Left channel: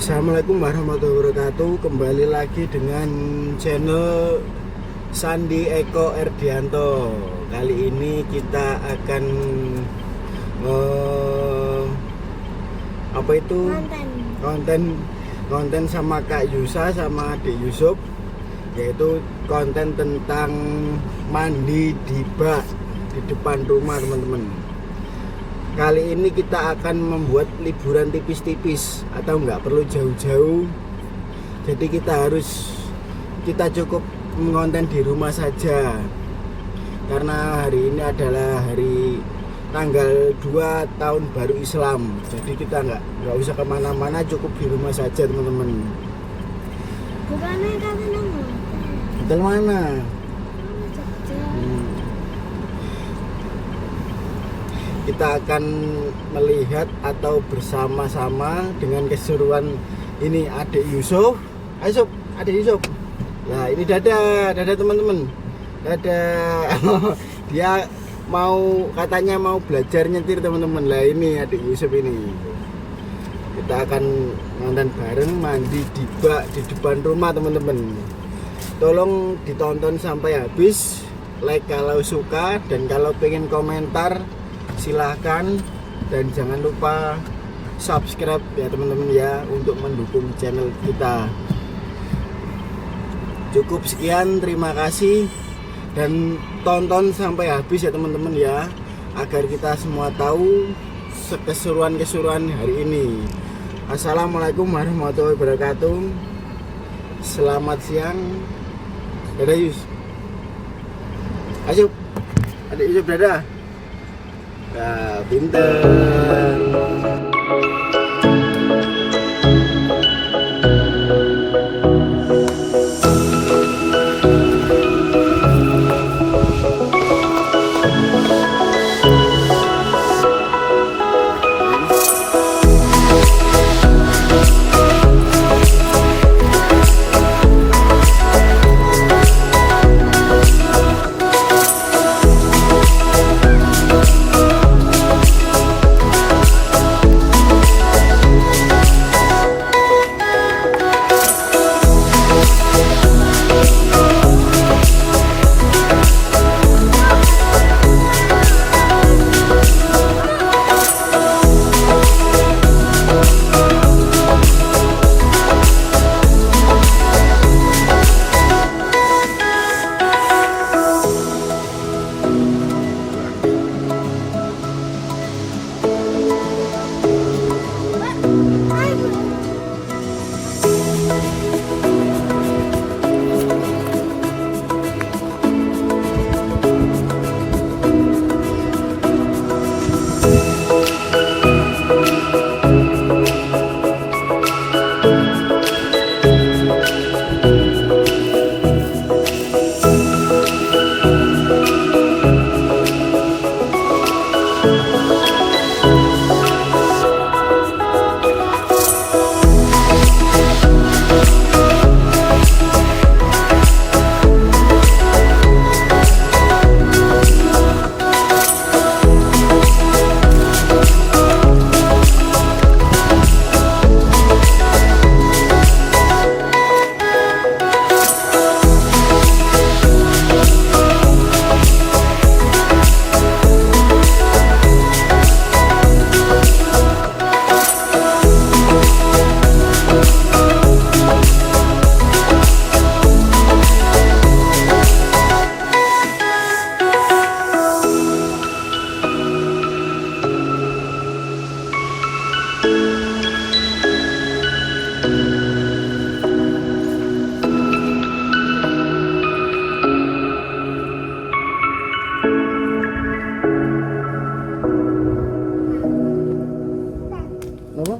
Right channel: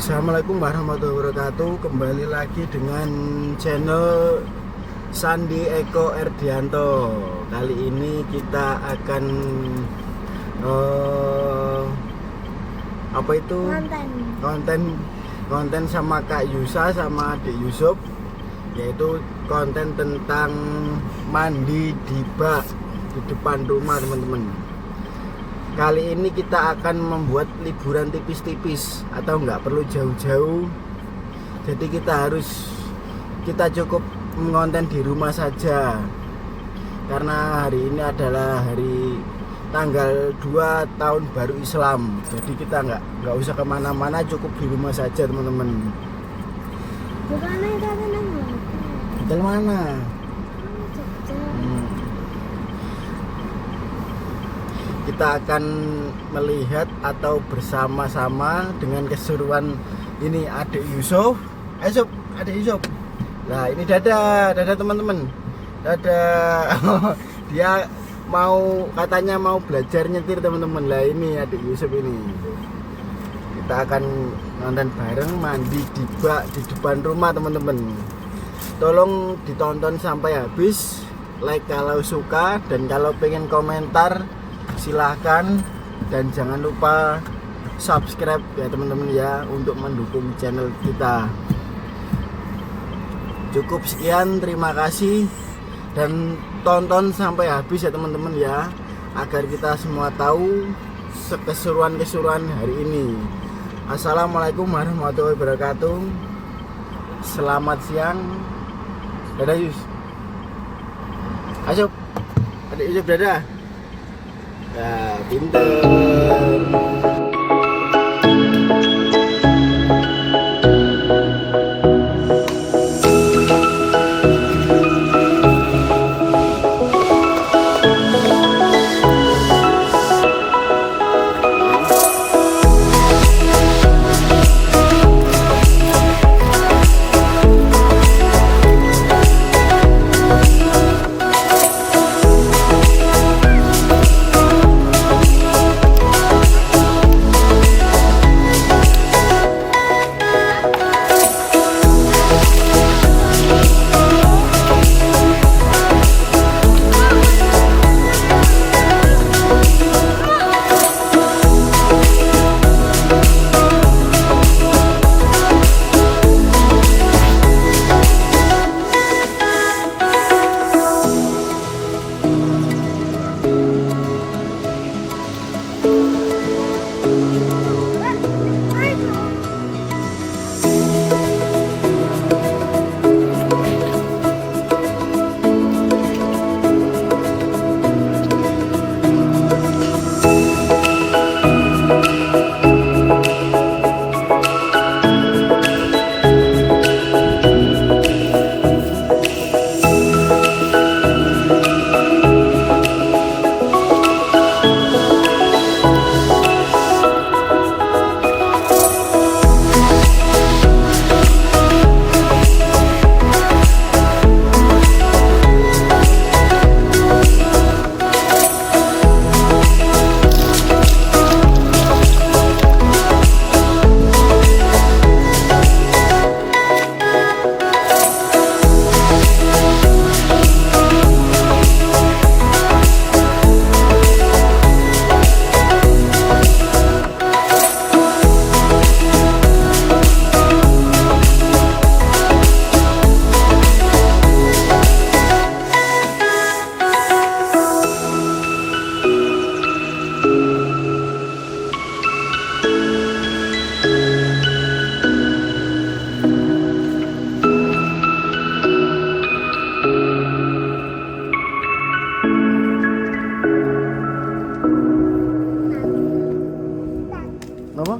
Assalamualaikum warahmatullahi wabarakatuh. Kembali lagi dengan channel Sandi Eko Erdianto. Kali ini kita akan apa itu konten sama Kak Yusa sama Adik Yusuf, yaitu konten tentang mandi di bak di depan rumah teman-teman. Kali ini kita akan membuat liburan tipis-tipis atau nggak perlu jauh-jauh. Jadi kita cukup mengonten di rumah saja. Karena hari ini adalah hari tanggal 2 tahun baru Islam. Jadi kita nggak usah kemana-mana, cukup di rumah saja teman-teman. Hotel mana? Kita akan melihat atau bersama-sama dengan keseruan ini Adik Yusuf. Ayo Sob, Adik Yusuf. Nah ini dadah teman-teman. Dadah. Dia katanya mau belajar nyetir teman-teman. Lah ini Adik Yusuf ini. Kita akan nonton bareng mandi di bak di depan rumah teman-teman. Tolong ditonton sampai habis. Like kalau suka, dan kalau pengen komentar silahkan, dan jangan lupa subscribe ya teman-teman ya, untuk mendukung channel kita. Cukup sekian, terima kasih, dan tonton sampai habis ya teman-teman ya, agar kita semua tahu keseruan hari ini. Assalamualaikum warahmatullahi wabarakatuh. Selamat siang. Dadah Yus. Ayo Adik Yusuf, dadah. Nah, pinter. Apa?